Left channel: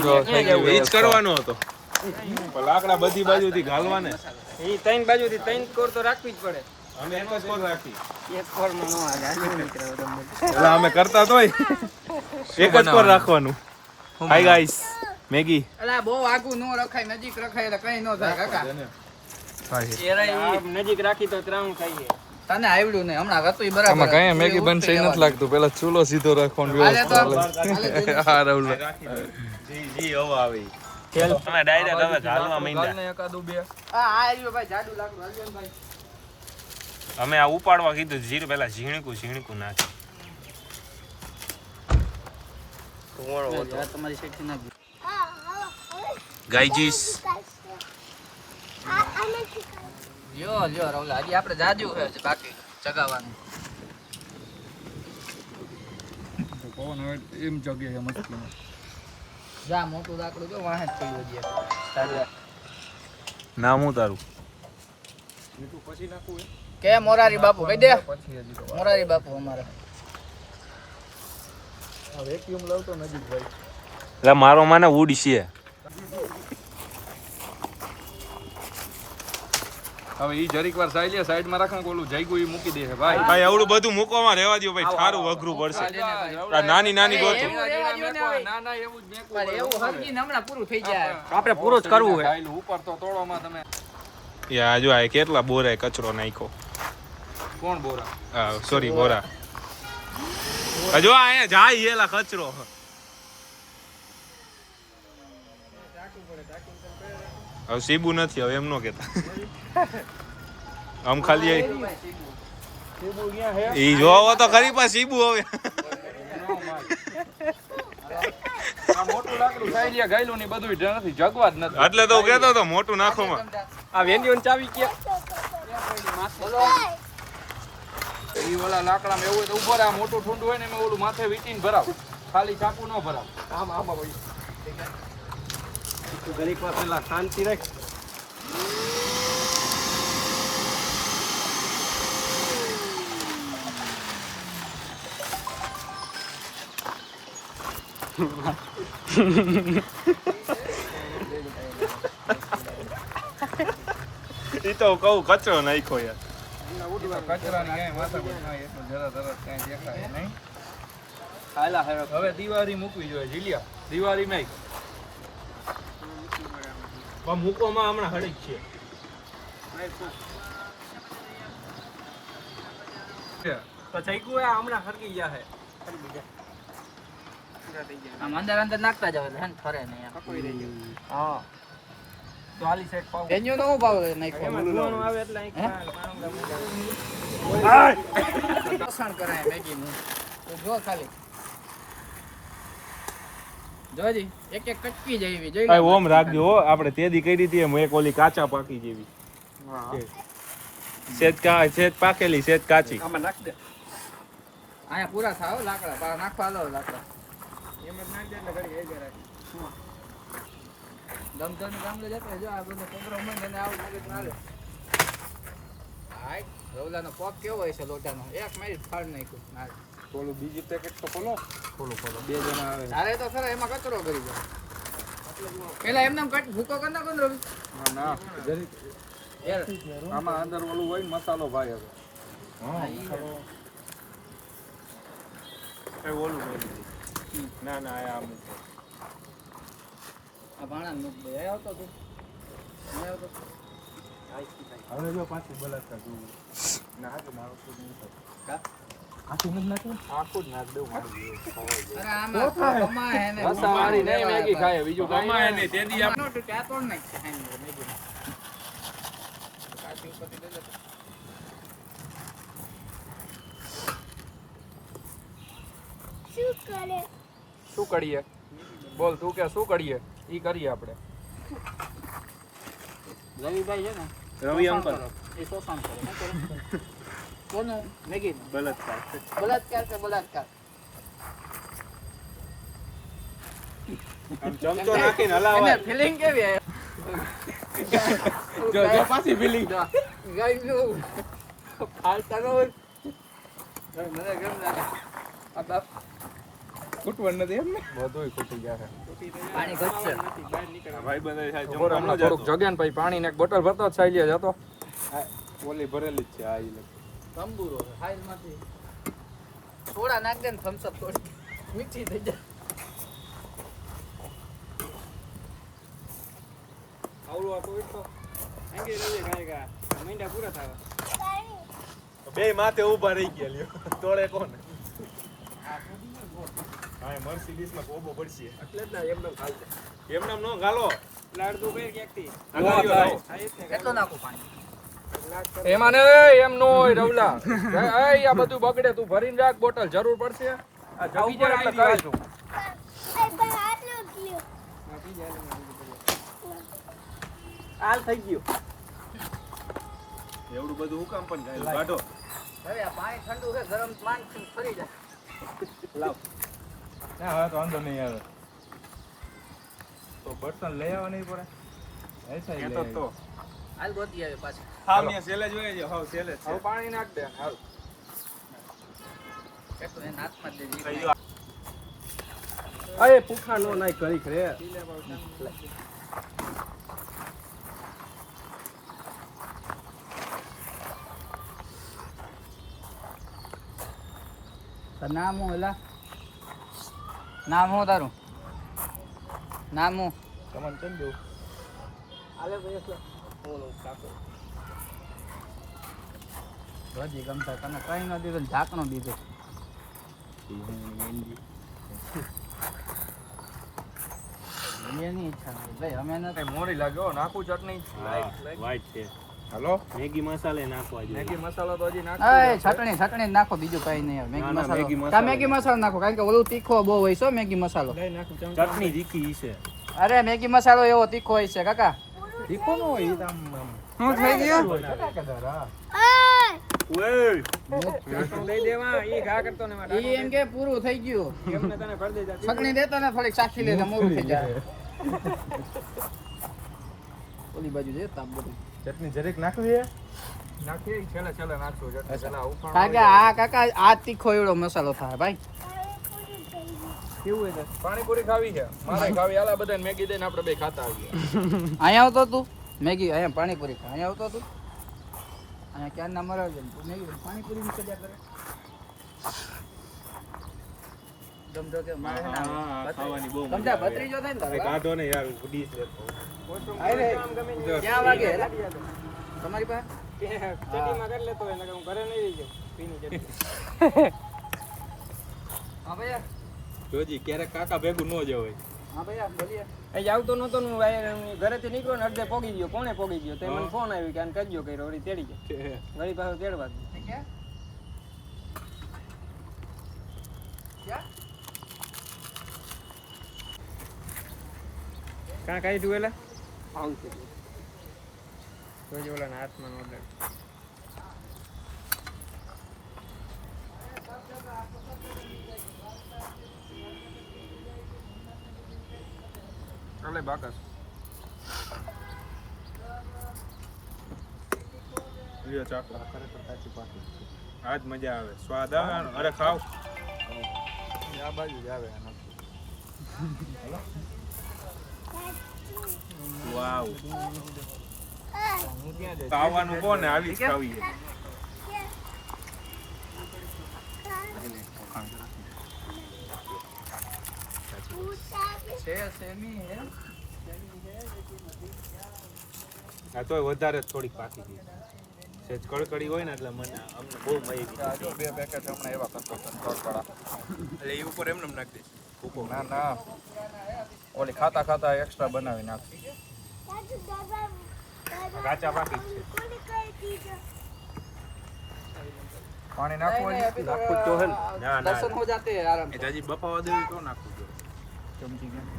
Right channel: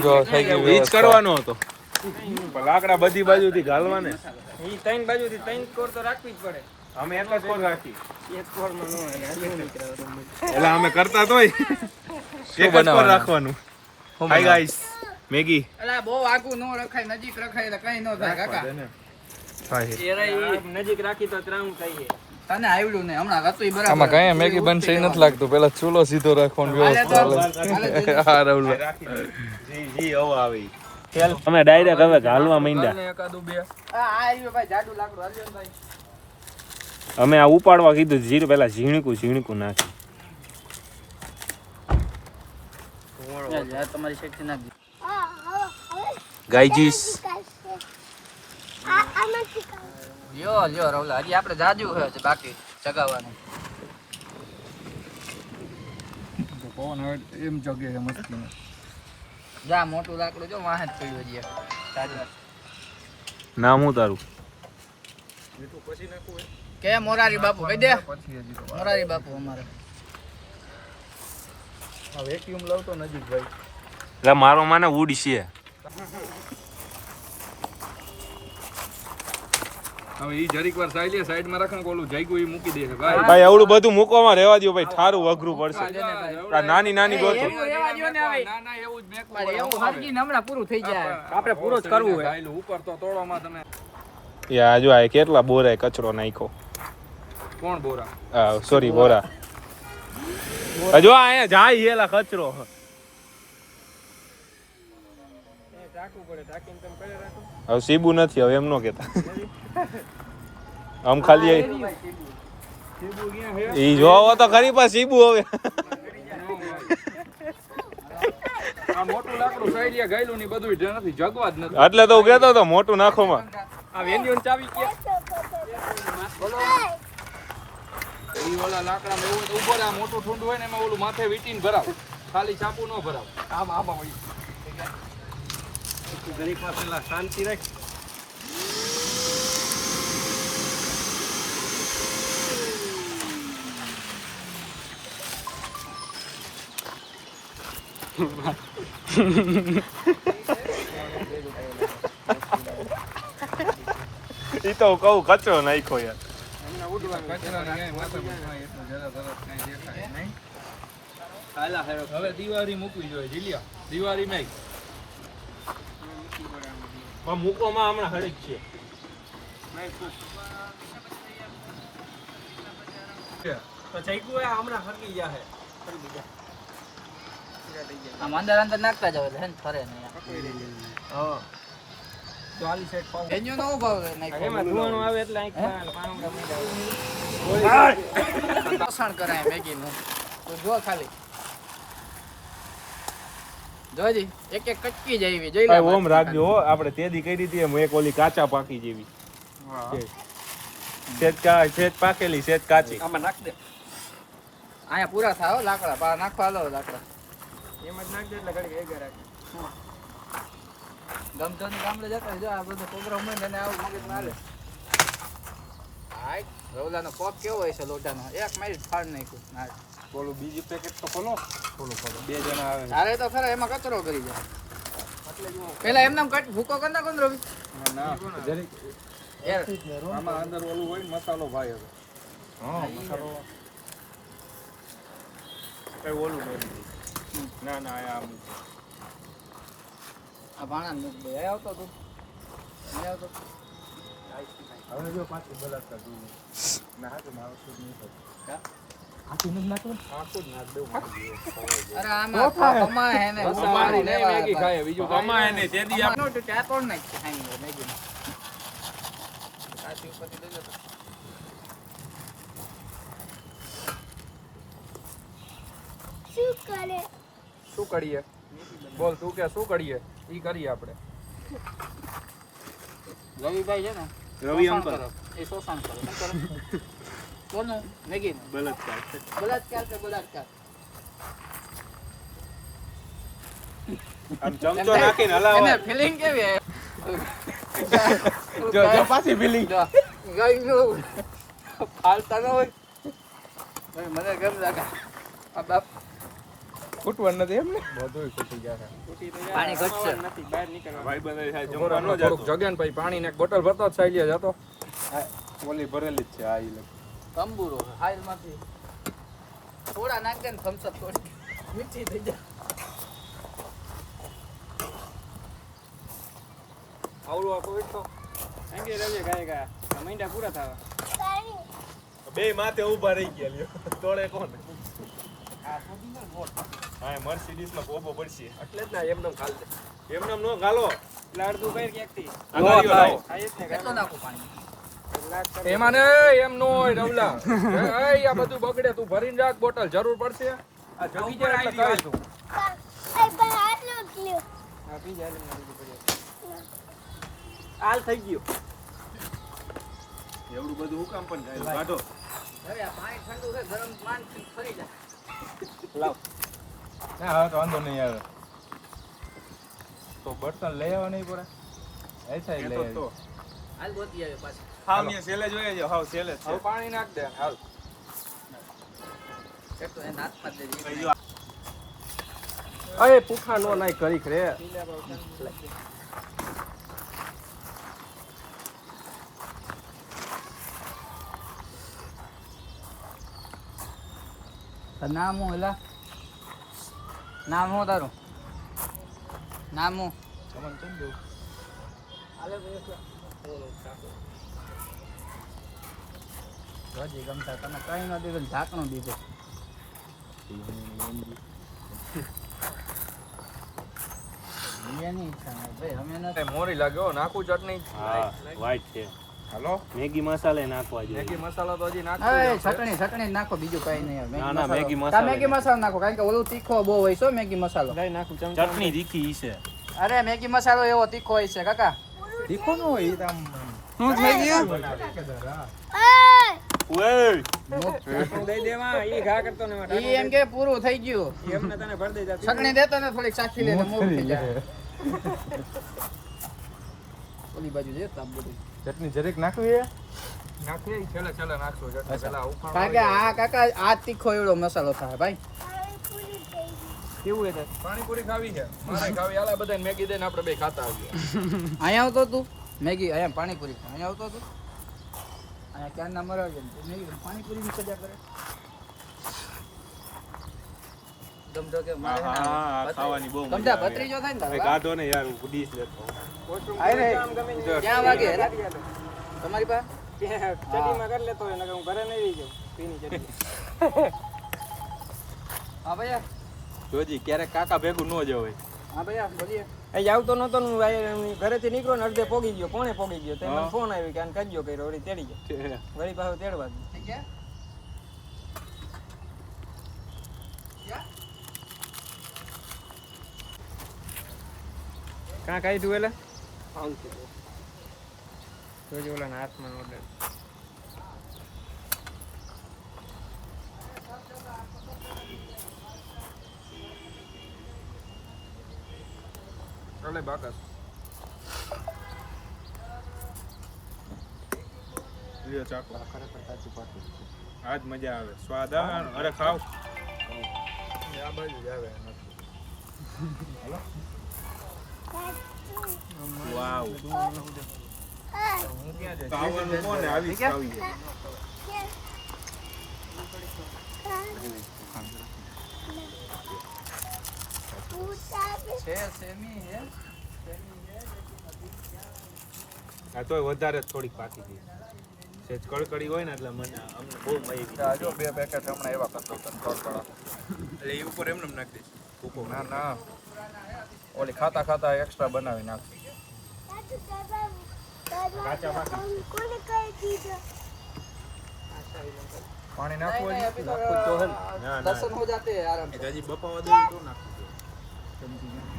જો થઈ ગયું ઈ જ કરવાનો હતો લાકડા બધી બાજુથી ઘાલવાને ઈ ત્રણ બાજુથી ત્રણ કોર તો રાખવી જ પડે. અમે એક જ કોર રાખી એક કોર માં નો હાલે એટલે અમે કરતા તોય એક જ કોર રાખવાનું હાય ગાઈસ મેગી એલા બહુ આગું નો રખાય નજીક રખાય એટલે કઈ નો થાય કાકા નજીક રાખી તો ત્રણ ખાઈએ તને આવડ્યું ને હમણાં હતું બરાબર આમાં કઈ મેગી બનશે ઈ નથી લાગતું પેલા ચૂલો સીધો રાખવાનો વ્યવસ્થિત હા રાહુલ જી ઓ આવી ખેલ અમે ડાયરેક્ટ હવે ઘાલવા માંડ્યા એકાદું બે આવ્યો ભાઈ જાડુ લાકડું આવ્યો ભાઈ અમે આ ઉપાડવા કીધું જીર પેલા ઝીણકું નાખી તમારી શેઠી નાખી ગાઈજીસ લ્યો રવલા હજી આપણે જાજુ છે બાકી ચગાવવાનું પવન હવે એમ જગે છે મસ્તી જા મોટું લાકડું જો વાહે જ પડ્યું હજી તારે નામ હું તારું પછી નાખું કે મોરારી બાપુ કહી દે મોરારી બાપુ અમારે આ વેક્યુમ લાવતો નજીક ભાઈ એટલે મારો માને વુડ છે હવે ઈ જરીક વાર સાઈલે સાઈડમાં રાખો કોલું જઈગું ઈ મૂકી દે ભાઈ ભાઈ આવડું બધું મૂકવામાં રહેવા દો ભાઈ થારું અઘરું પડશે આ નાની ગોતો ના એવું જ મેકવું એવું હરકી હમણાં પૂરું થઈ જાય આપણે પૂરું જ કરવું હોય ખાઈલું ઉપર તો તોડવામાં તમે યા જો આ કેટલા બોરાય કચરો નાખ્યો કોણ બોરા હા સોરી બોરા જો અહીંયા જાય એલા કચરો હવે સીબુ નથી હવે એમ નો કેતા આમ ખાલી ઈ જોવો તો ખરી પણ સીબુ હવે મોટું લાકડું ખાઈ ગયેલું ની બધું નથી જગવા જ નથી એટલે તો હું કહેતો હતો મોટું નાખોમાં આ વેંદીઓની ચાવી કે બોલો ઈ ઓલા લાકડામાં એવું ઉભો રહે મોટું ઠુંડું હોય ને એમાં ઓલું માથે વીટીને ભરાવ ખાલી ચાપુ ન ભરાવ આમ ભાઈ ઘડીક વાર પહેલા શાંતિ રાખ ઈ તો કહું કચરો નાખ્યો યાર કચરાની ક્યાંય માથા પર થાય એટલું જરા તરત કાંઈ દેખાય નહીં હાલા હરો હવે દિવાળી મૂકવી જોઈએ જીલિયા દિવાળી માં પણ મૂકોમાં હમણાં હળક છે તો ચઈકુ હમણાં હરકી ગયા હે આમ અંદર નાખતા જાવ એટલે હે ને ફરે નહીં હા ચાલી સેટ પાવ એન્યો નો ભાવ નહીં એમાં ગુવાનો આવે એટલે અહીં પસંદ કરાય મેગી નું તો જો ખાલી જોજી એક કટકી જાય જોઈ લે ઓમ રાખજો આપણે તેદી કરી હતી એમ એક ઓલી કાચા પાકી જેવી હા સેજ પાકેલી સેજ કાચી આમાં નાખ દે આયા પૂરા થાવ લાકડા પા નાખવા લો લાકડા એમ જ નાખ દે એટલે ઘડી એ જરા ગમધન ગામડે જતા જો આ બધો પ્રોગ્રામ હોય ને આવું મગજ મારે હાય રવલાનો કોક કેવો હોય છે લોટાનો એક મારી ફાડ નાખ્યો ઓલું બીજી પેકેટ તો ખોલો બે જણા આવે અરે તો ખરા એમાં કચરો કરી જાય પેલા એમને કટ ભૂકો કર નાખો ને રવિ ના જરીક આમાં અંદર ઓલું હોય મસાલો ભાઈ હવે હા મસાલો કઈ ઓલું ના આમ આ ભાણા નું ભાઈ આવતો તું નહીં આવતો હવે જો પાછી બલાતા તું ના તો મારો શોધ નહીં થતો આખું નથી નાખવું આખું જ નાખ દઉં મારી અરે આમાં કમા હે ને મસાવાળી નહીં મેગી ખાય બીજું કાંઈ કમાય નહીં. ને તેદી નો તો ચા પણ નાખ હે મેગી સાચી ઉપર તો દેજો શું કરીએ બોલ તું કે શું કરીએ ઈ કરીએ આપણે રવિભાઈ છે ને રવિ શોષણ અંકલ કરો. એ શોષણ કરો શું કરો કોનું મેગી બલાત્કાર બલાત્કાર કે બલાત્કાર આમ ચમચો નાખીને હલાવાય ફિલિંગ કેવી હે જો પાછી ફીલિંગ ગયું ફાલતા ન હોય મને ગમ લાગે આ બાપ ખૂટવાનું નથી એમ ને બધુંય ખૂટી ગયા છે. પાણી ઘટશે ભાઈ બંધ થાય જમવા ન જતો થોડુંક જગ્યા ને પછી પાણી ને એક બોટલ ભરતો જ સાઈ લે જતો. ઓલી ભરેલી જ છે આ ઈ તંબુરો હાઈલ માંથી થોડા નાખ દે ને thumbs up થોડી મીઠી થઈ જાય. આવડું આપો તો અંગે રવિ ગાય મહિના પૂરા થાવા. બે માથે ઊભા રહી ગયા લ્યો તોડે કોણ હા મર્સિડીઝ માં કોબો પડશે એટલે જ ના એમનેમ ખાલતે. એમનામ નો ગાલો લાડુ કઈ કેકતી કેટલો નાખું પાણી? એમાં ને એમ નો હોય રવલા. આ બધું બગડે તું ભરીને રાખ બોટલ જરૂર પડશે. આ જગી જાય એટલે કાઢ તું. હાલ થઈ ગયું. એવડું બધું હુકામ પણ થાય કાઢો હવે આ પાણી ઠંડુ છે ગરમ પાણી ફરી જાય. લાવ. ના હવે તો વાંધો નહીં આવે તો બર્તન લઈ આવવા નહીં પડે એસા એ તો તો. હાલ ગોતી આવે પાછી. હા મિયા સેલે જોઈએ જો હાવ સેલે છે હવે પાણી નાખ દે હાલ. કેટલો એને હાથમાં જ દેજો. થઈ ગયો અરે પૂખા નો નાખ કરી રે. નામ હું એલા નામ હું તારું નામ હું તમારે કેમ જો હજી ગમતા તને કઈ ન દીધું ઢાંકણો દીધો. એની ઈચ્છા નહીં ભાઈ અમે નથી. મોરી લાગ્યો નાખું ચટણી. વાઈટ છે હાલો મેગી મસાલે નાખવા જોઈએ મેગી મસાલા તો હજી એ નાખતો. ચટણી જ નાખો બીજું કઈ નહીં. ના, ના, મેગી મસાલો. મેગી મસાલો નાખો કારણ કે ઓલું તીખો બહુ હોય છે મેગી મસાલો. ચટણી તીખી છે અરે મેગી મસાલો એવો તીખો હોય છે કાકા. તીખો નો હોય ઈ આમ. શું થઈ ગયું? ઓય દઈ દેવા ઈ ઘા કરતો ને માટે. ઈ એમ કે પૂરું થઈ ગયું. એમને તને ભર દે જા. ચટણી દેતા ને થોડીક સાખી લે મોડું થઈ જાય. ઓલી બાજુ દે તાપ બધું. ચટણી જરીક નાખવી નાખી છેલ્લે છેલ્લે નાખશું ચટણી પેલા ઉફાણો કાકા આ કાકા આ તીખો એવડો મસાલો થાય ભાઈ. કેવું છે? પાણીપુરી ખાવી છે. પાણી ખાવી હાલા બધાને મેગી દઈને આપણે બે ખાતા આવીએ. અહીંયા આવતો તું મેગી અહીંયા પાણીપુરી ખા. અહીંયા આવતો તું અહીંયા ક્યાં ના મરાવ છે તું મેગી પાણીપુરી ની સજા કરે. ગમતો કે મારે હા, ના ખાવાની બહુ ગમતા ભત્રીજો થાય ને તારો. કાઢો ને યાર ડીશ લેતો આય રે ક્યાં વાગે હેલા તમારી પાસે ચટણીમાં કરી લેતો એટલે હું ઘરે નહીં રહી જાઉં. પીની ચટણી. હા ભૈયા જોજી ક્યારેક કાકા ભેગું ન જવાય હા ભૈયા બોલીએ. અહીં આવતો નતો ને ઘરેથી નીકળ્યો ને અડધે પોગી ગયો કોણે પોગી ગયો તે મને ફોન આવ્યો કે આને કરજો કર્યો વળી તેડી ગયો વળી પાછો તેડવા ગયો. ક્યાં ક્યાં કાં કાંઈ તું એટલે આવું છું કોઈ ઓલા હાથમાં એટલે ચાલે બાકસ. લ્યો ચાકો આજ મજા આવે સ્વાદ આવે અરે ખાવ આ બાજુ જ આવે વાવ ખાવાનું કોને આવી જ ખાવી છે સેમી હે આ તોય વધારે થોડીક પાકી ગઈ સેજ કડકડી હોય ને એટલે મને અમને બહુ મજા આ જો બે પેકેટ હમણાં એવા કરતો હતો તોડપાડા. એટલે એ ઉપર એમને નાખી દઈશ ભૂકો ના ના ઓલી ખાતા ખાતા એક્સ્ટ્રા બનાવી નાખ. કાચા પાકી છે પાણી નાખવું હજી નાખું તો હલ ના ના દર્શન હો જાતે આરામ એ હજી બપાવા દેવું તો નાખું જો સમજી ગયા.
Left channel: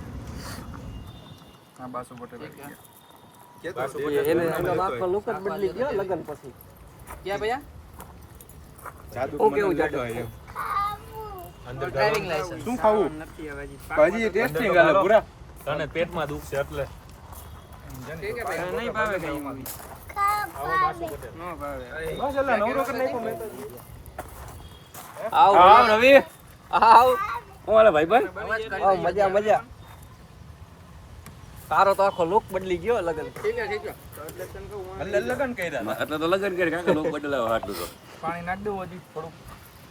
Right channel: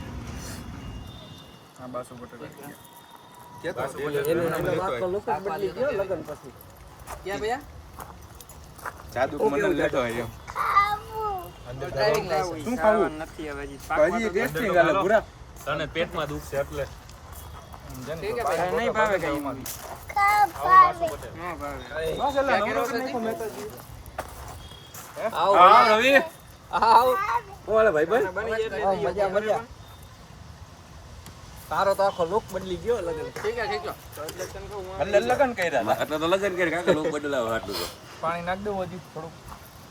હા બાસુ બટર આવી ગયા. બાસુ એ- બટેટા એને- બનાવવા એનો જતો બાપનો લુક જ કાપવા બદલી લ્યો તો ગયો કેવી? લગન પછી ક્યાં ભૈયા જાદુ ઓકે, મને એવું લેતો જાદુ. હોય એમ. અંદર ડ્રાઇવિંગ લાયસન્સ શું ખાવું નથી હવે હજી હજી ટેસ્ટિંગ આલે પૂરા તને પેટમાં દુખશે એટલે જેને ઠીક હે તો ભાઈ. નહીં ભાવે કઈ અમારી. આવો બાસુ બટેટા ન ભાવે. બસ એલા નવરો કરી નાખો મેં તો આવો હા રવિ ઓલા ભાઈ બન મજા મજા તારો તો આખો લુક બદલી ગયો લગન લગન કર્યા એટલે તો લગન કરી કાકા લોક બદલાવ આટલું તો પાણી નાખ દઉં હજી થોડુંક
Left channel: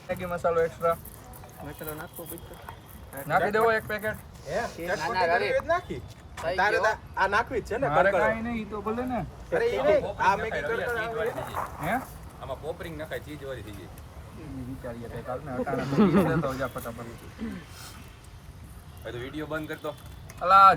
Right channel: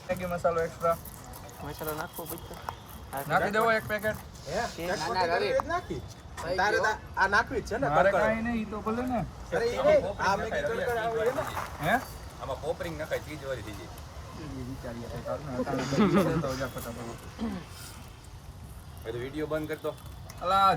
મેગી મસાલો એક્સ્ટ્રા મસાલો નાખવો પડતો નાખી દેવો એક પેકેટ નાખી તારે આ નાખવી જ છે ને મારે કાંઈ નહીં તો ભલે ને અરે એ નહીં આ મેગી કડકડ આવે છે ને હે આમાં પોપરિંગ નખાય ચીજ વાળી થઈ જાય વિચારીએ કઈ કાલ ને અટાણે તો જા ફટાફટ હવે તો વિડિયો બંધ કરતો અલા